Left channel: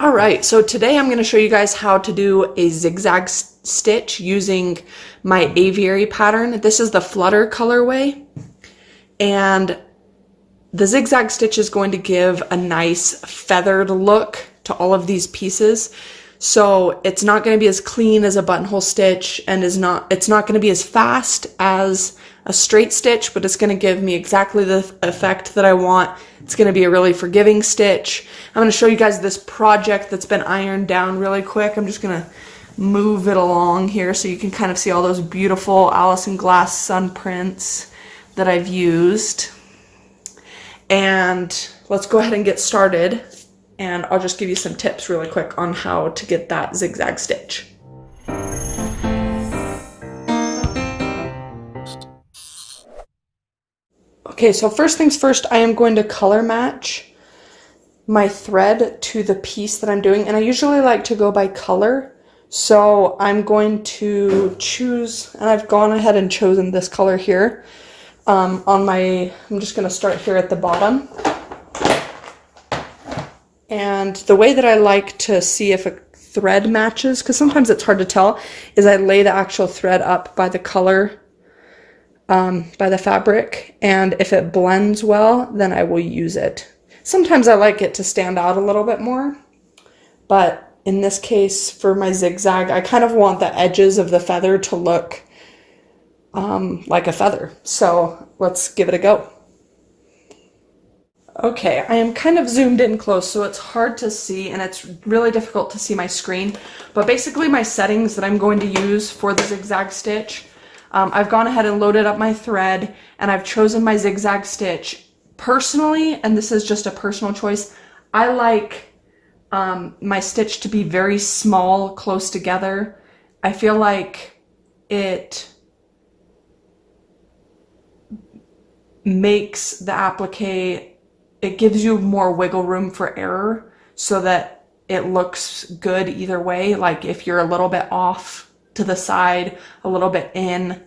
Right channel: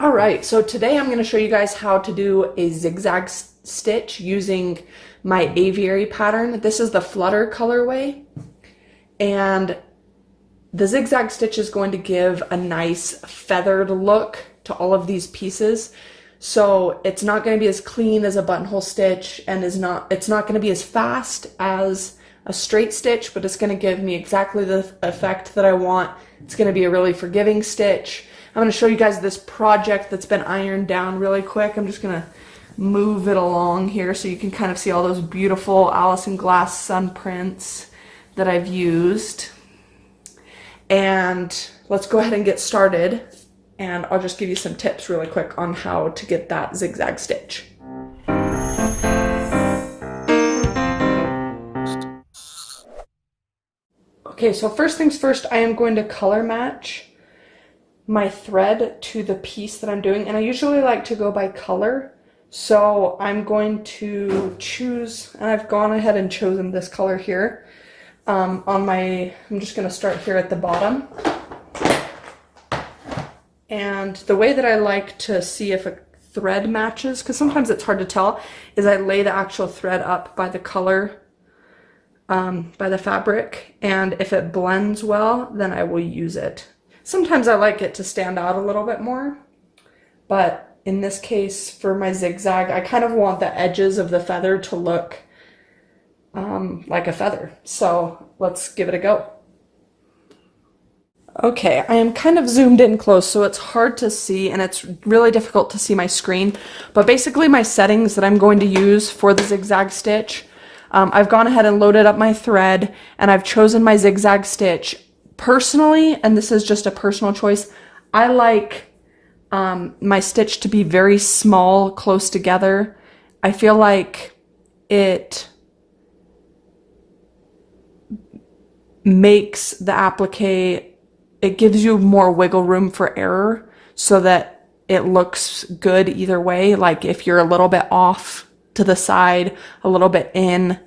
All right, so today I'm going to show you guys how to do a zigzag stitch using my Aviary pattern. This is the Flutter colorway, and the zigzag stitch is going to give a nice feathered look to all of these pieces. So it's not going to be as clean as a buttonhole stitch, and it's not going to be as fast as a straight stitch, but it's going to give me exactly the effect that I want. It's going to be a really forgiving stitch. I'm going to show you guys this project that's been ironed down really quick. I'm just going to move it along here so you can kind of see all those beautiful Alison Glass Sunprints that I've used. And let's go ahead and get started, and I'll just give you some tips really quick on how to get that zigzag stitch. Okay, so first things first, I am going to color match my thread to the piece that I'm doing, and I usually like to go by color. So I'm going to choose, and I've gone ahead and chosen this color here. I'm just going to start here at the bottom. And the way that I like to see if a thread matches, because sometimes it's hard to tell, is I lay the actual thread up by the color, by the fabric, and if it blends well, then I will use it. Sometimes I like it to stand out a little bit more, but in this case, for my zigzag, I kind of want the edges of the feather to look like a feather. So let's give it a go. Okay, I am kind of zoomed in close, so it's hard to see, and it's really difficult to see my screen. But basically my settings that I'm going to use for the zigzag stitch, I've gone ahead and loaded up my thread, and I've chosen my zigzag stitch. Personally, and this is just a personal choice, I like my stitch to be very small, close together. I feel like it makes the applique, it gives you more wiggle room for error so that it looks good either way. Like if you're a little bit off to the side, a little bit in,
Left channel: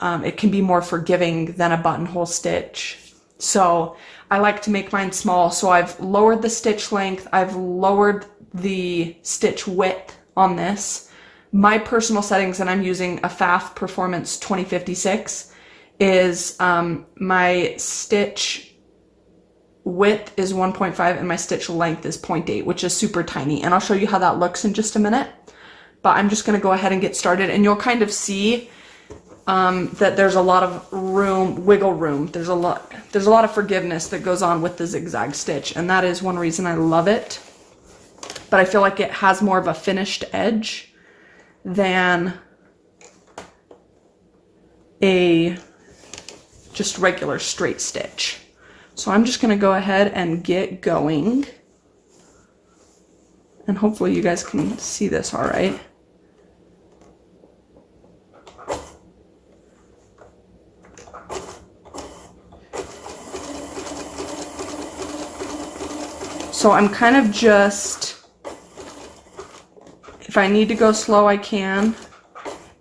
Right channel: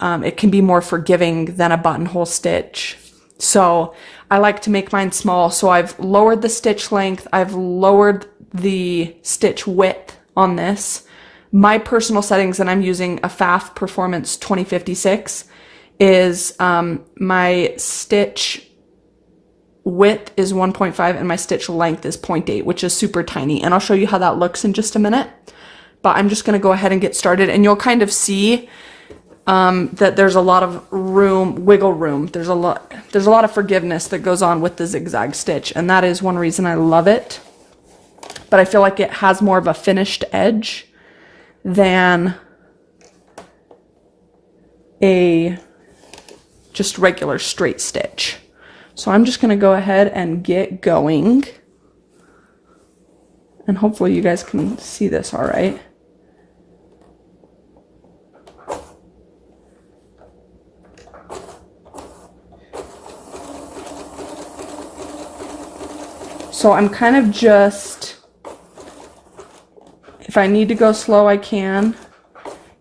it can be more forgiving than a buttonhole stitch. So I like to make mine small. So I've lowered the stitch length. I've lowered the stitch width on this. My personal settings, and I'm using a FAF Performance 2056, is my stitch width is 1.5 and my stitch length is 0.8, which is super tiny. And I'll show you how that looks in just a minute. But I'm just going to go ahead and get started, and you'll kind of see that there's a lot of room, wiggle room. There's a lot of forgiveness that goes on with the zigzag stitch, and that is one reason I love it. But I feel like it has more of a finished edge than a just regular straight stitch. So I'm just going to go ahead and get going, and hopefully you guys can see this all right. So I'm kind of just, if I need to go slow, I can.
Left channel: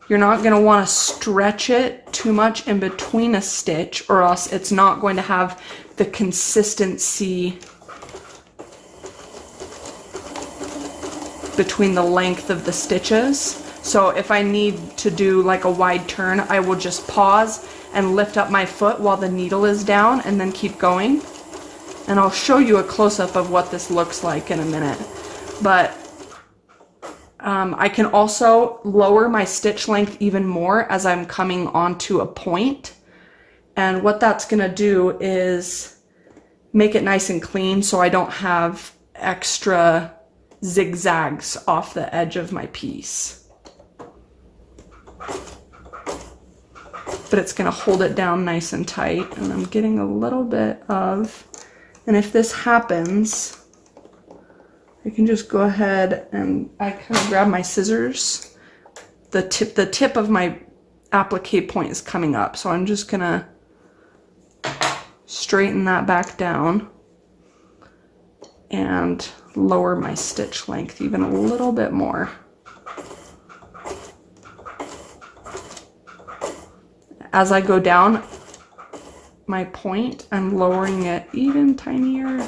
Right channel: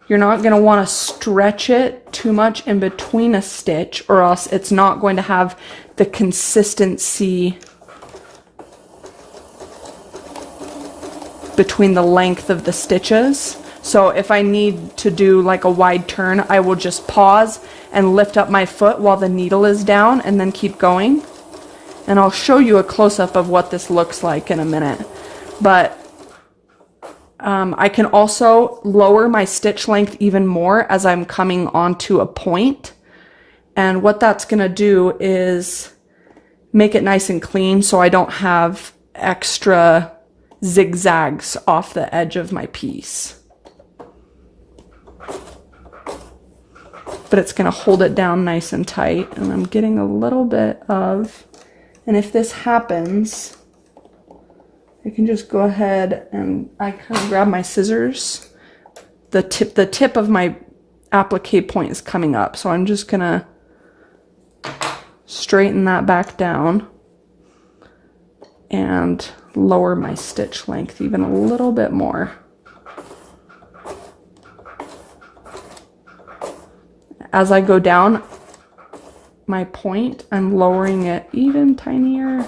You're not going to want to stretch it too much in between a stitch, or else it's not going to have the consistency between the length of the stitches. So if I need to do like a wide turn, I will just pause and lift up my foot while the needle is down and then keep going. And I'll show you a close-up of what this looks like in a minute. But I can also lower my stitch length even more as I'm coming onto a point. And what that's going to do is make it nice and clean so I don't have extra zigzags off the edge of my piece. But it's going to hold it down nice and tight. And I'm getting a little bit of... And if this happens, I can just go ahead and I kind of grab my scissors. The tip of my applique point is coming up, so I'm just gonna straighten that back down and lower my stitch length even a little bit more. As I go down my point, I'm lowering it even tinier.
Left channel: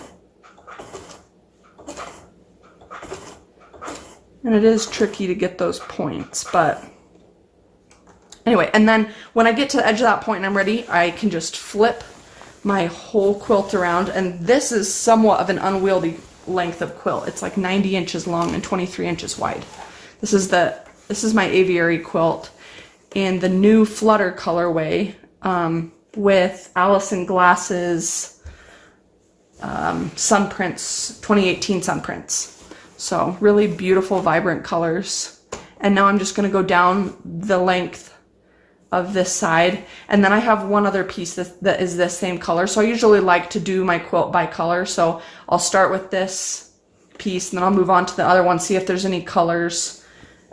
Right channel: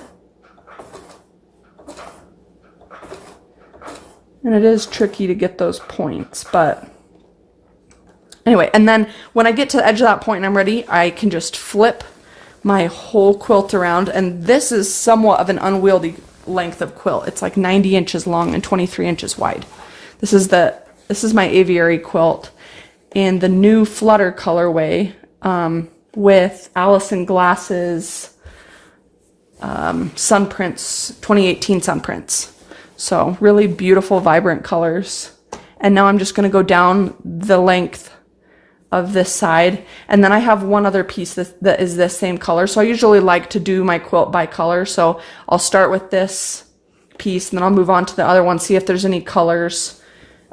And it is tricky to get those points, but anyway, and then when I get to the edge of that point and I'm ready, I can just flip my whole quilt around, and this is somewhat of an unwieldy length of quilt. It's like 90 inches long and 23 inches wide. This is my Aviary quilt in the new Flutter colorway with Alison Glass's Sunprints, 2018 Sunprints. So really beautiful, vibrant colors. And now I'm just going to go down the length of this side, and then I have one other piece that is this same color. So I usually like to do my quilt by color, so I'll start with this piece and then I'll move on to the other one, see if there's any colors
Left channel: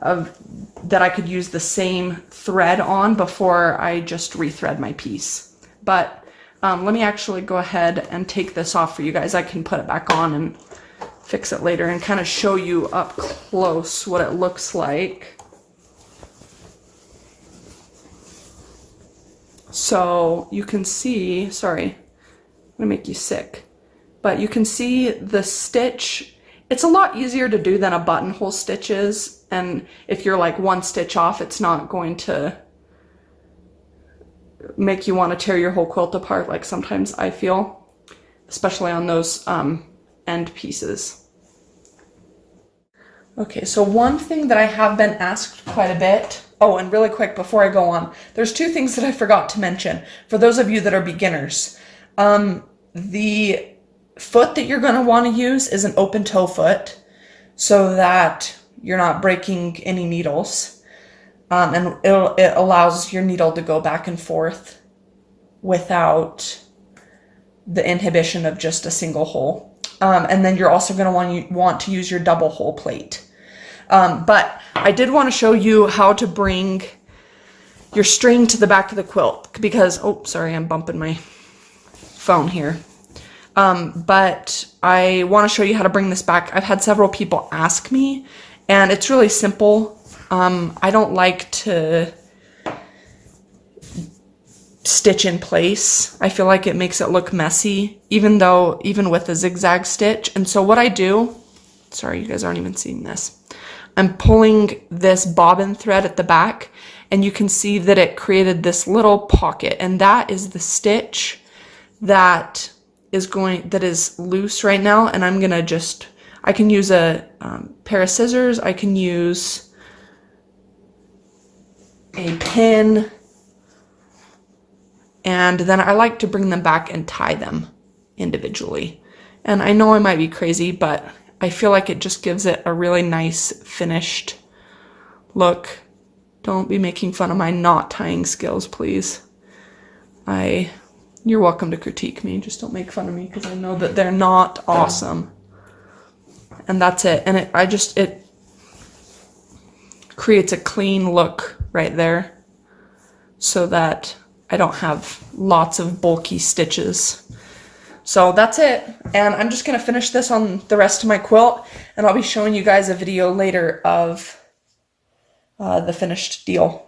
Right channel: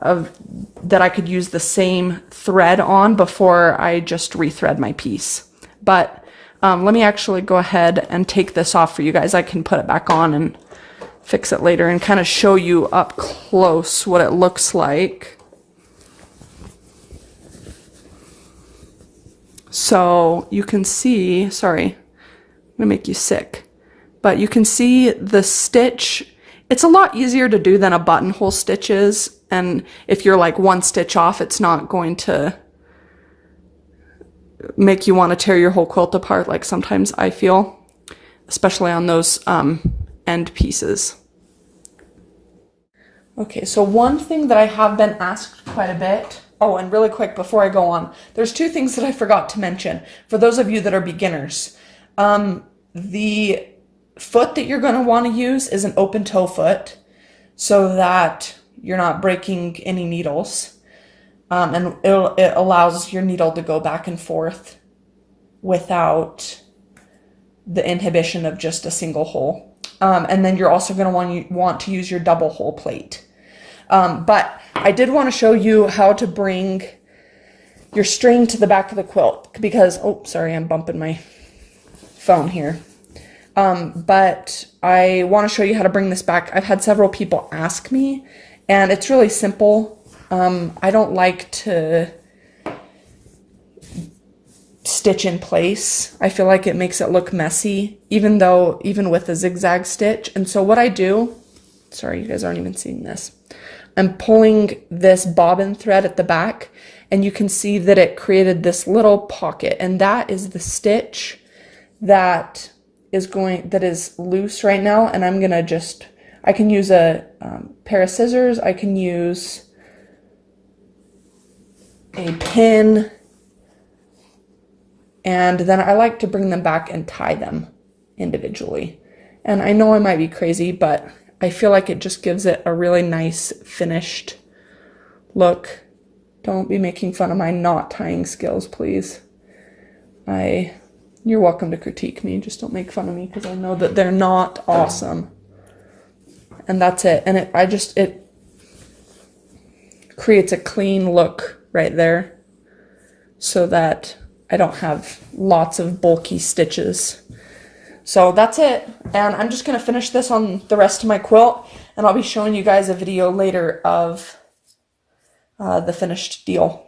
that I could use the same thread on before I just rethread my piece. But let me actually go ahead and take this off for you guys. I can put it back on and fix it later and kind of show you up close what it looks like. So you can see, sorry, I'm gonna make you sick, but you can see the stitch. It's a lot easier to do than a buttonhole stitch is, and if you're like one stitch off, it's not going to make you want to tear your whole quilt apart like sometimes I feel, especially on those end pieces. Okay, so one thing that I have been asked quite a bit, oh, and really quick before I go on, there's two things that I forgot to mention for those of you that are beginners. The foot that you're going to want to use is an open toe foot so that you're not breaking any needles. And it allows your needle to go back and forth without the inhibition of just a single hole. And then you're also going to want to use your double hole plate. But I did want to show you how to bring your string to the back of the quilt because, oh, sorry, I'm bumping my phone here. But I want to show you how to bring this back. I've had several people ask me, and it's really simple. I don't like to stitch in place. I feel like it makes it look messy, even with a zigzag stitch. And so what I do, sorry, you guys aren't even seeing this. I'm pulling this bobbin thread at the back, and you can see that it created this little pocket, and that is the stitch that is loose right now. And I'm gonna I can use a pair of scissors, I can use a pin, and then I like to bring them back and tie them individually. And I know I might be crazy, but I feel like it just gives it a really nice finished look. Don't be making fun of my knot tying skills, please. You're welcome to critique me, just don't make fun of me because I know that they're not awesome. And that's it. And it creates a clean look right there so that I don't have lots of bulky stitches. So that's it, and I'm just going to finish this on the rest of my quilt, and I'll be showing you guys a video later of the finished deal.